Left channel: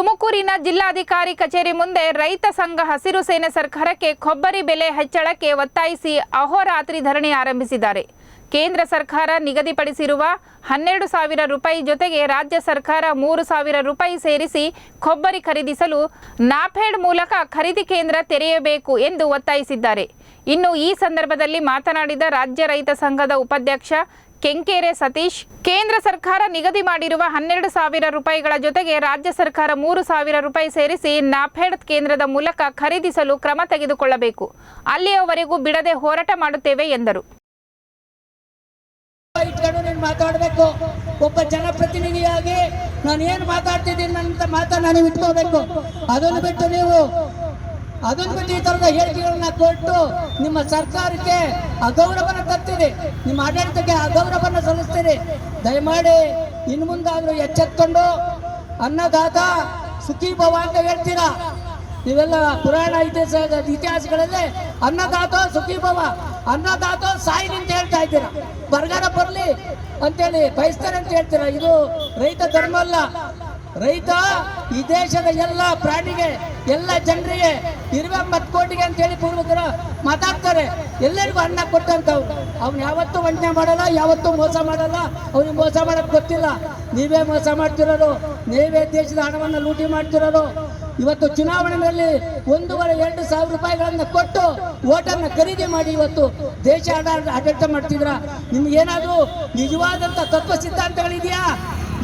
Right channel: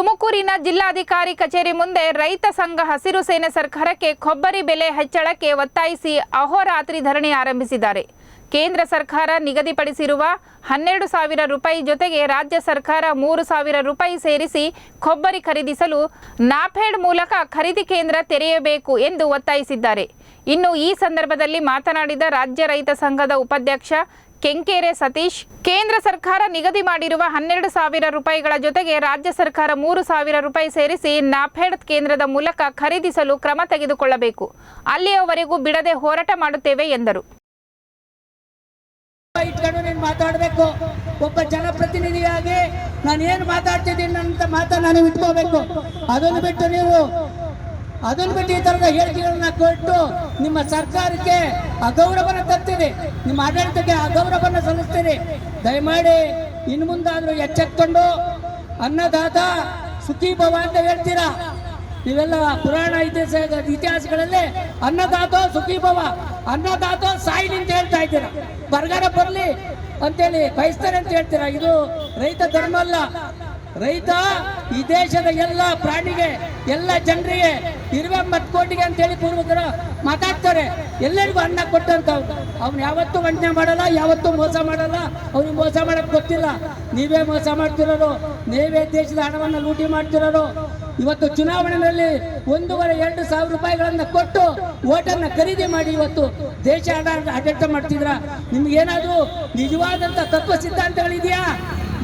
ತುಮಕೂರಿನ ಜಿಲ್ಲಾಧಿಕಾರಿ ಕಚೇರಿ ಮುಂದೆ ರೈತ ಸಂಘ ಹಸಿರು ಸೇನೆ ಸರ್ಕಾರಕ್ಕೆ ಕೊಬ್ಬರಿ ಬೆಲೆ ಹೆಚ್ಚಳಕ್ಕೆ ಒತ್ತಾಯಿಸಿ ಅಹೋರಾತ್ರಿ ಧರಣಿ ಆರಂಭಿಸಿದ್ದಾರೆ. ಕೇಂದ್ರ ಸರ್ಕಾರ ನಿಗದಿಪಡಿಸಿರುವ 12,000 ರೂಪಾಯಿ ಜೊತೆಗೆ ರಾಜ್ಯ ಸರ್ಕಾರ 3,000 ರೂಪಾಯಿ ಸೇರಿಸಿ ಕೊಬ್ಬರಿ ಖರೀದಿಸಲು ನಾಫೆಡ್ ಮೂಲಕ ಖರೀದಿ ಕೇಂದ್ರ ತೆರೆಯಬೇಕು ಎಂದು ಒತ್ತಾಯಿಸಿದ್ದಾರೆ. ಇನ್ನು ಈ ಸಂದರ್ಭದಲ್ಲಿ ಮಾತನಾಡಿದ ರಾಜ್ಯ ರೈತ ಸಂಘದ ಉಪಾಧ್ಯಕ್ಷ ಕೆಂಕೇರೆ ಸತೀಶ್, ಕೇಂದ್ರ ಸರ್ಕಾರ ನಿಗದಿ ಮಾಡಿರುವ 12,000 ರೂಪಾಯಿಗಳ ಜೊತೆಗೆ ರಾಜ್ಯ ಸರ್ಕಾರ 3,000 ರೂಪಾಯಿ ಸೇರಿಸಿ ನಾಫೆಡ್ ಕೇಂದ್ರದ ಮೂಲಕ ಖರೀದಿಸಲು ಕ್ರಮ ತೆಗೆದುಕೊಳ್ಳಬೇಕು. ಅಲ್ಲಿಯವರೆಗೂ ಬಿಡದೆ ಹೋರಾಟ ಮಾಡುತ್ತೇವೆ ಎಂದರು. ಮಾತಾಡಬೇಕು, ಒಬ್ಬ ಜನಪ್ರತಿನಿಧಿಯಾಗಿ ನಾನು ಏನು ಮಾತಾಡ್ತಿದ್ದೀನಿ ಅಂತ ಮಾತನ್ನು ಇಟ್ಕೋಬೇಕು. ಅದನ್ನು ಬಿಟ್ಟು ಈ ತರದ ಹೇಳಿಕೆಗಳನ್ನ ಕೊಟ್ಟು ನಿಮ್ಮ ಸರ್ಕಾರಕ್ಕೆ ಅಗೌರವನ ತರ್ತೀರಿ, ನಿಮ್ಮ ಆಡಳಿತಕ್ಕೆ ಅಗೌರವನ ಸಲ್ಲಿಸ್ತೀರಿ. ದಯಮಾಡಿ ಇನ್ನು ಮುಂದಾದ್ರೂ ಎಚ್ಚೆತ್ಕೊಂಡು ಅನ್ನದಾತ ಸುಖೀ ಭವ ಅಂತ ಹೇಳ್ತೀರಾ. ನೀವೆಲ್ಲ ಪುರಾಣ ಇತಿಹಾಸಗಳಲ್ಲಿ ಅನ್ನದಾತ ಸುಖೀ ಭವ, ಅನ್ನದಾತ ಸಾಯಿಲಿ ಅಂತ ಹೇಳ್ತಾ ಇದ್ದೀರಾ. ಬರಗಾಲ ಬರಲಿ ಅಂತೇಳಿ ಬಯಸ್ತಾರೆ ಅಂತ ಹೇಳ್ತೀರಾ. ಇದು ರೈತ ಧರ್ಮ ಅಲ್ಲ. ರೈತ ಈ ದೇಶದ ಎಲ್ಲ ಪ್ರಾಣಿಗೆ, ಎಲ್ಲ ಜನರಿಗೆ 20 ಕೋಟಿಗೆ ಅಂತೇಳಿ ಪೂರ್ವಕರು ಮಾತಾಡ್ತಾರೆ. ಎಲ್ಲರಿಗೂ ಅನ್ನ ಕೊಟ್ಟಂತವ್ರು. ಅವ್ನು ಯಾವತ್ತೂ ವಂಚನೆ ಮಾಡಲ್ಲ, ಯಾವತ್ತೂ ಮೋಸ ಮಾಡಲ್ಲ. ಅವ್ನಿಗೆ ಮೋಸ ಮಾಡಕ್ ಗೊತ್ತಿಲ್ಲ. ನೀವೇ ಮೋಸ ಮಾಡ್ತಿರೋರು, ನೀವೇ ದೇಶದ ಹಣವನ್ನು ಲೂಟಿ ಮಾಡ್ತಿರೋರು. ಇವತ್ತು ಚುನಾವಣೆಯಲ್ಲಿ 1,500-2 ಸಾವಿರ ರೂಪಾಯಿಗಳನ್ನು ಕೊಟ್ಟು ಓಟನ್ನು ಖರೀದಿ ಮಾಡಿ ಇವತ್ತು ದೇಶ ಆಡಳಿತ ಮಾಡ್ತಿದ್ರ. ನಿಮ್ಗೇನಾದ್ರೂ ನಿಜವಾದಂತ ತತ್ವ ಸಿದ್ಧಾಂತಗಳಿದೆಯಾ?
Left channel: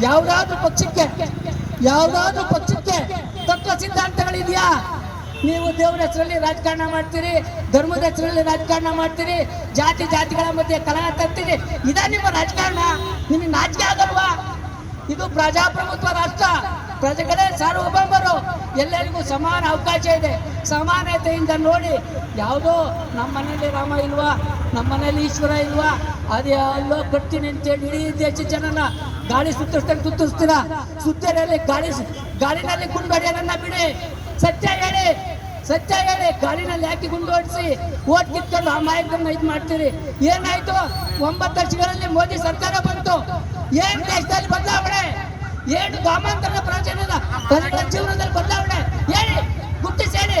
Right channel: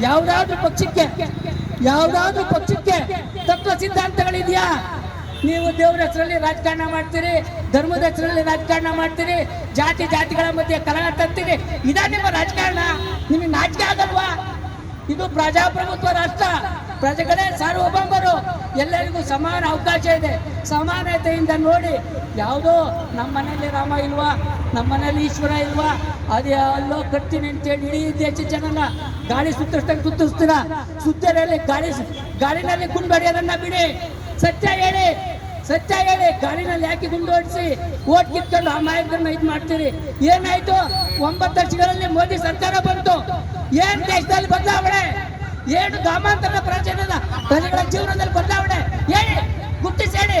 ಯಾವುದಾದ್ರೂ ಪಕ್ಷಕ್ಕೆ ತತ್ವ ಸಿದ್ಧಾಂತಗಳಿದೆಯಾ? ನೀವು ದೇವರ ಹೆಸರಲ್ಲಿ ರಾಜಕಾರಣ ಮಾಡ್ತೀರಿ, ಧರ್ಮದ ಹೆಸರಲ್ಲಿ ರಾಜಕಾರಣ ಮಾಡ್ತೀರಿ, ಜಾತಿಗಳ ಮಧ್ಯೆ ಕಲಹ ತರ್ತೀರಿ. ಇದ ನಿಮ್ಮ ರಾಜಕಾರಣ? ನಿಮಗೆ ನಾಚಿಕೆ ಆಗಲ್ವಾ? ಇದು ಪ್ರಜಾಪ್ರಭುತ್ವ ರಾಷ್ಟ್ರ. ಪ್ರಜೆಗಳೇ ಸಾರ್ವಭೌಮರು, ಎಲ್ಲರಿಗೂ ಸಮಾನ ಅವಕಾಶ ಇದೆ. ಸಮಾನತೆಯಿಂದ ನೋಡಿ. ಯಾವುದೋ ನಮ್ಮ ಮನೆಯಲ್ಲಿ ರಾಮ ಇಲ್ವಾ, ನಮ್ಮ ಮನೆಯಲ್ಲಿ ಈಶ್ವರ ಇಲ್ವಾ, ಅದೇ ಅಲ್ಲೋ ಕಟ್ತೀನಿ ಅಂತೇಳಿ ಇಡೀ ದೇಶ ಜನನ ಗಾಳಿ ಸುತ್ತಿಸ್ತೀರಾ. ಸುತ್ತರಲ್ಲಿ ಗಾಳಿನಲ್ಲಿ ಗುಂಡು ಹೊಡೆಯೋದನ್ನ ಬಿಡಿ. ಸತ್ಯ ಹೇಳಿ ಗಾಳಿನಲ್ಲಿ ಯಾಕೆ ಗುಂಡು ಹೊಡಿಸಿ ಓಟ್ ಕಿತ್ಕೊಂಡು ಆ ಮಾಯಕರನ್ನ ಇದು ಮಾಡ್ತೀರಿ? ಏನಾಯ್ತು? 9 ವರ್ಷಗಳಲ್ಲಿ ಮೋದಿ ಸರ್ಕಾರ ಬಂತು. ಏನ್ ದೇಶದಲ್ಲಿ ಬದಲಾವಣೆ? ಏನು ಗ್ರಾಮಾಂತರ ಪ್ರಜೆಗಳ ಜೀವನದಲ್ಲಿ ಬದಲಾವಣೆ ಹೇಳಿ, ಗುರ್ತಿಸಿ ಹೇಳಿ.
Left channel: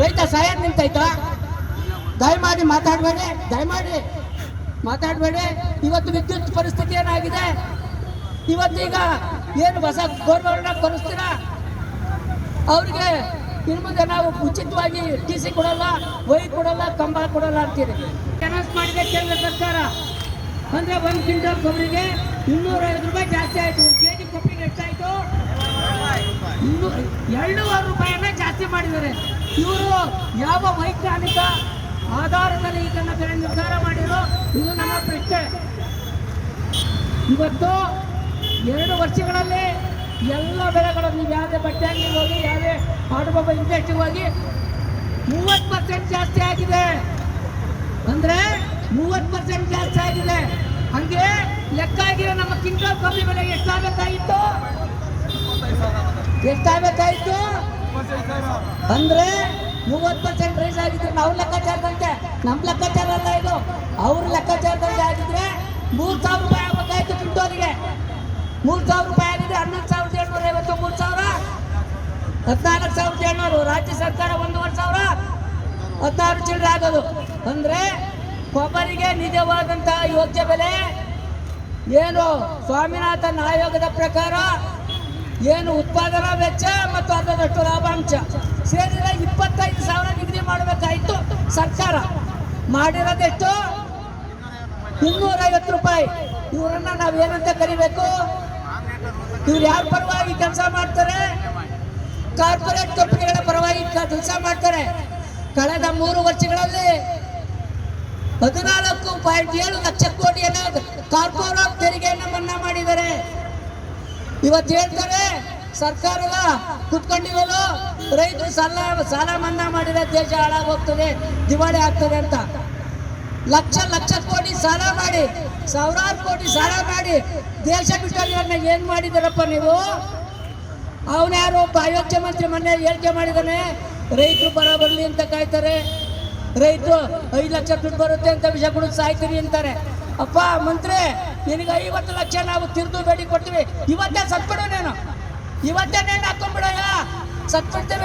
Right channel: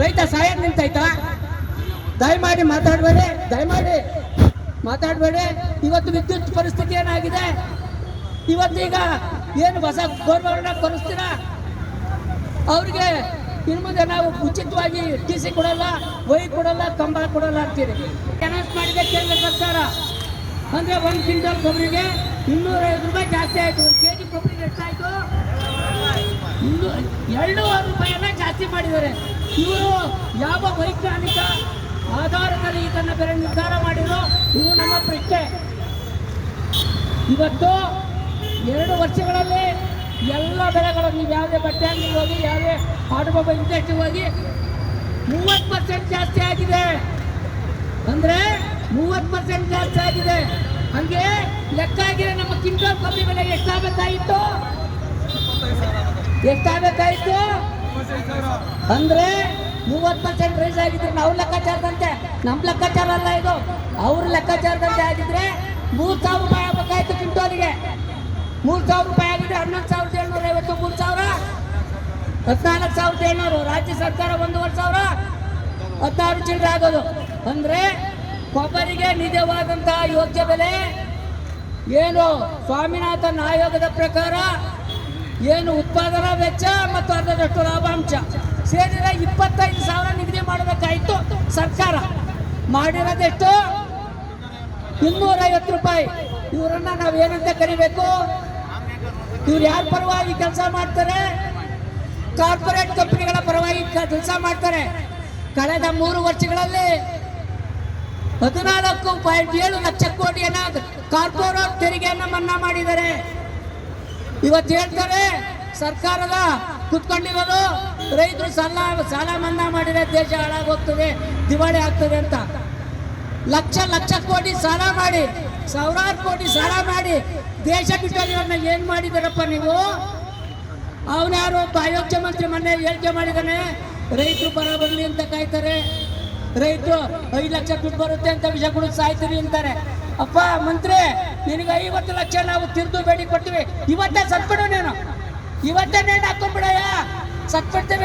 ರೈತ ಸಾಯ ನಿಂತಾಯ್ತಾ? ದಯಮಾಡಿ ಮಾತಾಡಬೇಡಿ. ಇವತ್ತು ವಿದ್ಯುತ್ ಪರಿಸ್ಥಿತಿ ಏನಾಗಿದೆ? ಇವತ್ತೀಗ ಏನು ಹೊಸ ಗೋರ್ಮೆಂಟ್ ಕೊಡಿಸ್ತೀರಾ? ಅವ್ರಿಗೆ ಇನ್ನು ಮುಂದೆ ನಾವು ಉಚಿತವಾಗಿ TC ಕೊಡಲ್ಲ, ವೈ ಕೊಡಲ್ಲ, ಕಂಬ ಕೊಡಲ್ಲ ಅಂತೀರಿ. ಅನೌನ್ಸ್ ಮಾಡಿದೆ ಕೇಂದ್ರ ಸರ್ಕಾರ. ಅಂದ್ರೆ 1 ಕ್ವಿಂಟಲ್ ಕೊಬ್ಬರಿಗೆ 250 ರೂಪಾಯಿ ಜಾಸ್ತಿ ಆಯ್ತು. 1 kg ಕೊಬ್ಬರಿಗೆ ಎಷ್ಟಾಯ್ತು? 2,500 ರೂಪಾಯಿಯನ್ನ ಜಾಸ್ತಿ ಮಾಡಿದ್ದಾರೆ. ಇವರು ಯಾವ ವೈಜ್ಞಾನಿಕ ಆಧಾರದಲ್ಲಿ ಇದನ್ನ ಬೆಲೆ ನಿರ್ಧಾರ ಮಾಡಿದ್ರು? ಇದು ನಮ್ಮ ಪ್ರಶ್ನೆ. ಇವತ್ತು 2 ವರ್ಷಗಳಲ್ಲಿ ಎಲ್ಲ ಬೆಲೆಗಳು, ನೀವು ಯಾವುದೇ ಬಟ್ಟೆ ಅಂಗಡಿಗೆ ಹೋಗಿ, ಯಾವುದೇ ಆಟೋಮೊಬೈಲ್ ಇಂಡಸ್ಟ್ರಿಗೆ ಹೋಗಿ 30% ಜಾಸ್ತಿ ಆಗಿದೆ. ಅಂದ್ರೆ 30% ಜಾಸ್ತಿ ಆಗಿದೆ. ಹಂಗೆ ಲೆಕ್ಕ ಆಗಿದೆ. ನಮ್ಮ ಕ್ವಿಂಟಲ್ ಕೊಬ್ಬರಿ ಬೆಲೆಗೆ ಎಷ್ಟಾಗಬೇಕಾಗಿತ್ತು? ಅಂದ್ರೆ 30% ರೈಸ್ ಆಗಿದ್ರೆ ನಾವು ಲೆಕ್ಕಾಚಾರದಂತೆ, ನಮ್ಮ ಲೆಕ್ಕಾಚಾರ ಅಲ್ಲ ಇದು, ಅವ್ರ ಲೆಕ್ಕಾಚಾರದಂತೆ ಆಗಿದ್ರೆ 3,000 ರೂಪಾಯಿ ಆಗಬೇಕಾಯ್ತು ಕ್ವಿಂಟೋಲಿಗೆ. 3,000 ರೂಪಾಯಿ ಆಗಿದ್ರೆ 11,750, 3,000 14,700. ರಾಜ್ಯ ಸರ್ಕಾರ 1,500, 16 ಚಿಲ್ಲರೆ ಆಗೋದು. ಅಂದ್ರೆ ಕೊಬ್ಬರಿಗೆ ನಿಜವಾದಂತಹ ಯೋಗ್ಯ ಬೆಲೆ ಏನು? ಸ್ವಾಮಿನಾಥನ್ ಆಯೋಗದ ಪ್ರಕಾರ ಏನು ಉತ್ಪಾದನಾ ವೆಚ್ಚ ಮತ್ತು ಅರ್ಧದಷ್ಟು ಲಾಭಾಂಶ ಸೇರಿದ 25,000 ನಿಗದಿ ಮಾಡಬೇಕಾಯಿತು. ಸರ್ಕಾರ ಮಾಡಿರೋದೆಷ್ಟು? 250 ರೂಪಾಯಿ. ಇವರನ್ನ ನಾವೇನಂತ ಕರಿಬೇಕು? ಇವ್ರು ಯಾರ ಪರವಾಗಿ ಕೆಲಸ ಮಾಡ್ತಾರೆ? ಕಾರ್ಪೊರೇಟ್ ಕಂಪನಿಗಳ ಪರವಾಗಿ ಕೆಲಸ ಮಾಡ್ತಾರೆ. ಕಳೆದ 3 ವರ್ಷಗಳಲ್ಲಿ 14.7 ಲಕ್ಷ ಕೋಟಿಯನ್ನ ಕಾರ್ಪೊರೇಟ್ ತೆರಿಗೆಯನ್ನು ಮನ್ನಾ ಮಾಡಿದ್ದಾರೆ. ಇವತ್ತು ಹೇಳ್ತಾರೆ ಸರ್ಕಾರದ ಕುತ್ಕೊಂಡಿರೋದು ರೈತರು ಸಾಲ ಮನ್ನಾ ಮಾಡಿದ್ರೆ ದೇಶ ಹಾಳಾಗೋಗ್ತದೆ, ದಿವಾಳಿ ಆಗ್ತದೆ ಅಂತ. ಲಕ್ಷ ಕೋಟಿ ಸಾಲ ಮಾಡಿ, ಸಾವಿರಾರು ಕೋಟಿ ಸಾಲ ಮಾಡಿ ದೇಶ ಬಿಟ್ಟೋಗಿರೋದನ್ನ ಏನ್ ಮಾಡಿದಾರಪ್ಪ ನೀವು? ಅವನ್ಯಾರೋ ಒಬ್ಬ ಅಯೋಗ್ಯ ಮಂತ್ರಿ ಮೊನ್ನೆ ಹೇಳಿಕೆ ಮಾಡಿದಾನೆ, ರೈತರು ಬರ ಬರಲಿ ಅಂತ ಕಾಯ್ತಾರೆ, ರೈತರು 5 ಲಕ್ಷ ದುಡ್ಡು ಬರುತ್ತೆ ಅಂತ ವಿಷ ಕುಡಿದು ಸಾಯ್ತೀವಿ ಅಂತಾರೆ. ಅಪ್ಪ ಮಂತ್ರಿ, ನಿನಗೆ 50 ಲಕ್ಷ ನಾವು ತಿರ್ದು ಬೇಡಿ ಕೊಡ್ತೀವಿ, ಇವತ್ತೇ ಸತ್ಬಿಡು. ಇವತ್ತೇ ನೇಣು ಹಾಕೊಂಡ್ಬಿಡಯ್ಯ, ಸತ್ಬಿಡ್ತೇವೆ.